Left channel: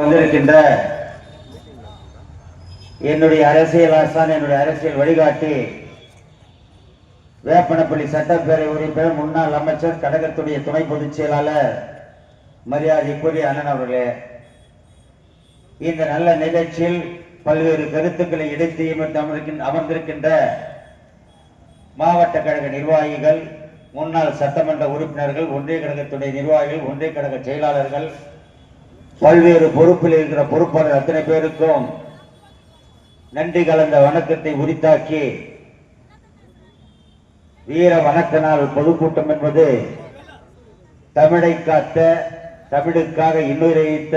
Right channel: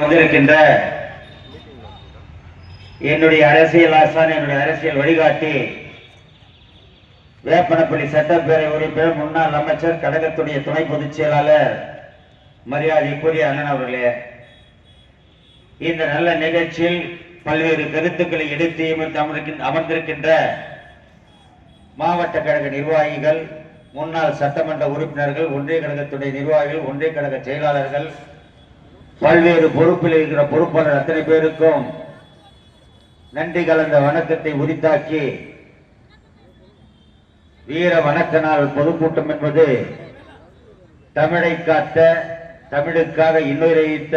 வந்திருக்கின்ற என்னுடைய அரசியல் ஆசான், என்னுடைய அரசியல் வழிகாட்டி, வேப்பனப்பள்ளி சட்டப்பேரவை உறுப்பினர், முன்னாள் அமைச்சர், கழகத்துடைய துணை பொதுச் செயலாளர், மரியாதைக்குரிய அண்ணன் அவர்களே, இந்த நல்ல நிகழ்ச்சியில் பல்வேறு கருத்துக்களை எடுத்து அமர்ந்திருக்கின்ற மாவட்ட கழக நிர்வாகிகள், முன்னாள் சட்டமன்ற உறுப்பினர்கள், ஒன்றிய கழகத்துடைய நிர்வாகிகள், ஒன்றிய கழக செயலாளர்கள், பல்வேறு பொறுப்பில் இருக்கிற பொறுப்பாளர் அத்தனை பேருக்கும் நன்றி கலந்த வணக்கத்தை உரித்தாக்கி, வீர வணக்க நாள் பொதுக்கூட்டம் என்பது தமிழை காத்த, தமிழுக்காக இன்னுரைத்த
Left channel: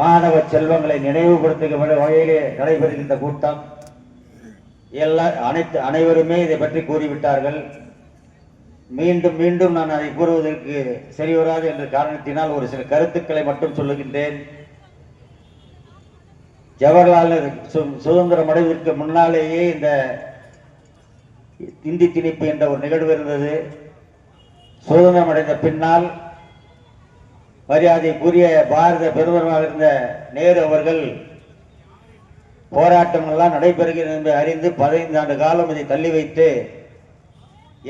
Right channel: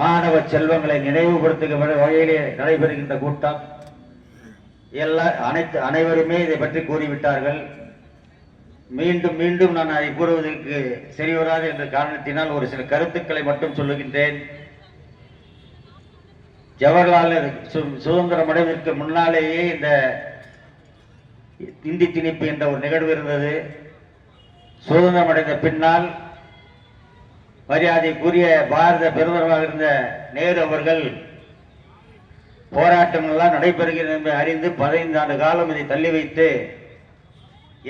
மாணவ செல்வங்களை நினைவுபடுத்துகிற வகையிலே நடைபெறுகின்ற கூட்டம். அனைவருமே இதை பற்றி கூறிவிட்டார்கள். மீண்டும் மீண்டும் நான் அதை கூறுவதற்கு சரிவராது என்ற காரணத்தினால் ஒரு சில கருத்துக்களை மட்டும் சொல்லுகின்றேன். ஜவஹர்லால் சுதந்திரம் அடைவதற்கு முன்னாலேயே இந்த இந்தி திணிப்பு என்ற ஒரு நிகழ்வு இருந்தது. சுதந்திரம் அடைந்த பின்னால் மரியாதைக்குரிய பாரத பிரதமராக இருந்த நேரு அவர்கள் போராட்டங்கள் எல்லாம் நடைபெறுகிறது என்பதை அறிந்து 15 ஆண்டு காலம் இதை தள்ளி வைத்து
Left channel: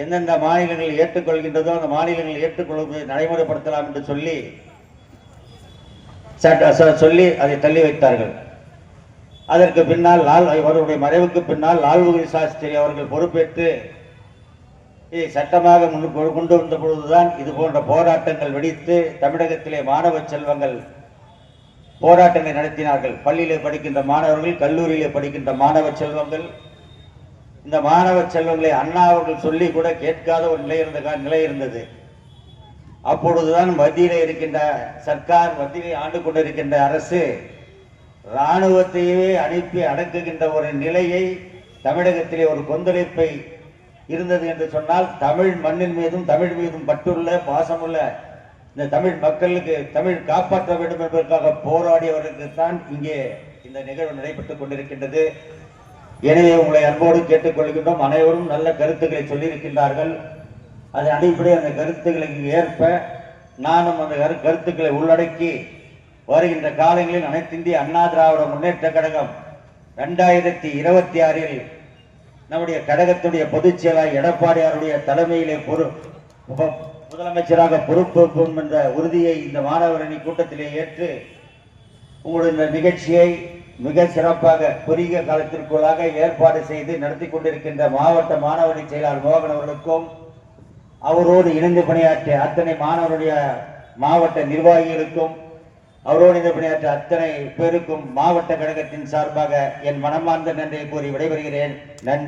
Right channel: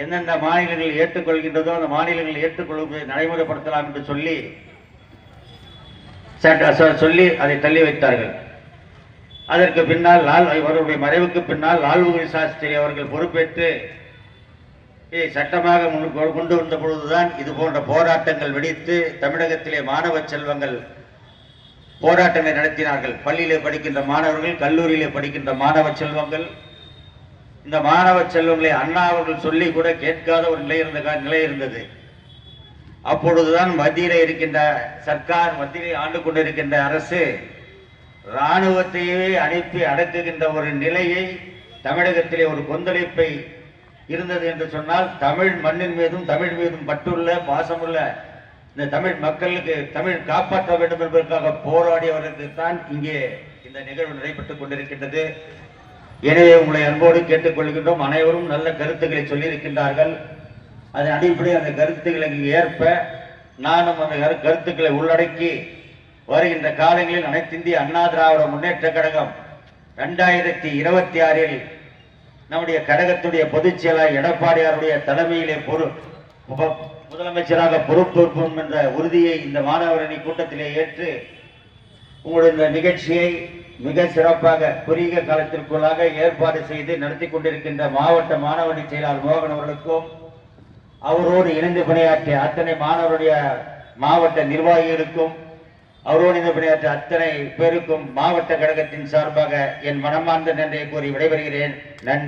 எந்தெந்த மாநிலங்கள் ஏற்றுக்கொள்கின்றதோ அந்த மாநிலங்கள் ஏற்றுக்கொள்வதை நடைமுறைப்படுத்தலாம் என்று சொல்லி அதை தள்ளி வைத்தார்கள். அதற்கு பின்னால் அவருடைய மறைவுக்கு பின்னால் லால் பகதூர் சாஸ்திரி அவர்கள் பொறுப்பேற்று இதை சட்டமாக கொண்டு வந்த பொழுதுதான் இது போன்ற போராட்டங்கள் வெடித்து தமிழகத்திலே மாணவ செல்வங்கள் போராட்டங்களை நடத்தினார்கள். பள்ளியிலே படிக்கின்ற மாணவர்கள், கல்லூரியிலே படிக்கின்ற மாணவ செல்வங்கள், இந்த மாணவ செல்வங்களை அண்ணா அவர்கள் சொல்லி கூட கேட்காத ஒரு நிலை இருந்தது. அப்பொழுதுதான் மத்தியிலே இருக்கின்ற சர்க்கார், மத்தியிலே ஆண்டு கொண்டிருக்கின்ற அரசு இராணுவத்தையே அனுப்பி அடக்குகின்ற ஒரு நிலையை, தமிழகத்திலே ஒரு கொந்தளிப்பை இருந்தது என்று சொன்னால், தமிழ் மண்ணின் மீதும் தமிழ் மீதும் பற்றுள்ள பாசமுள்ள இந்த தமிழ் மக்களுக்கு தமிழ் காப்பாற்ற வேண்டும் என்பதற்காக போராடியவர்களுக்கு தான் இங்கே இந்த நிகழ்வு நடைபெற்றுக் கொண்டிருக்கின்றது. எனவே உங்களை அன்போடு கேட்டுக்கொள்கின்றோம். அனைவரும் நல்ல கருத்துக்களை சொல்லியிருக்கின்றார்கள். அதன் அடிப்படையில் அந்த கருத்துக்களுக்கு ஏற்ப நானும் அந்த கருத்துக்களை உள்ளடக்கி வருகின்ற காலங்களில் அனைத்து இந்திய அண்ணா திராவிட முன்னேற்ற கழகம் 2026 நம்முடைய கழகத்துடைய பொதுச் செயலாளர் எடப்பாடியாருடைய தலைமையிலே முதலமைச்சராக பொறுப்பேற்போம் என்ற உறுதியை இந்த மாணவரணி கூட்டத்திலே ஏற்று உங்களுடைய இந்த நிகழ்ச்சியை மிக சிறப்பாக குறுகிய காலத்திற்குள்ளாக ஏற்பாடு செய்து நடத்தி கொண்டிருக்கின்ற மாவட்ட மாணவரணி செயலாளர் மோகன் அவர்களுக்கும், அவரோடு இணைந்து பணியாற்றிய அத்தனை மாணவருடைய மாவட்ட நிர்வாகிகளுக்கும், அவரோடு இணைந்து பணியாற்றிய அத்தனை பேருக்கும் மாவட்ட கழகத்தின் சார்பாக என் மனமார்ந்த நன்றியை கூறி விடைபெறுகிறேன். நன்றி.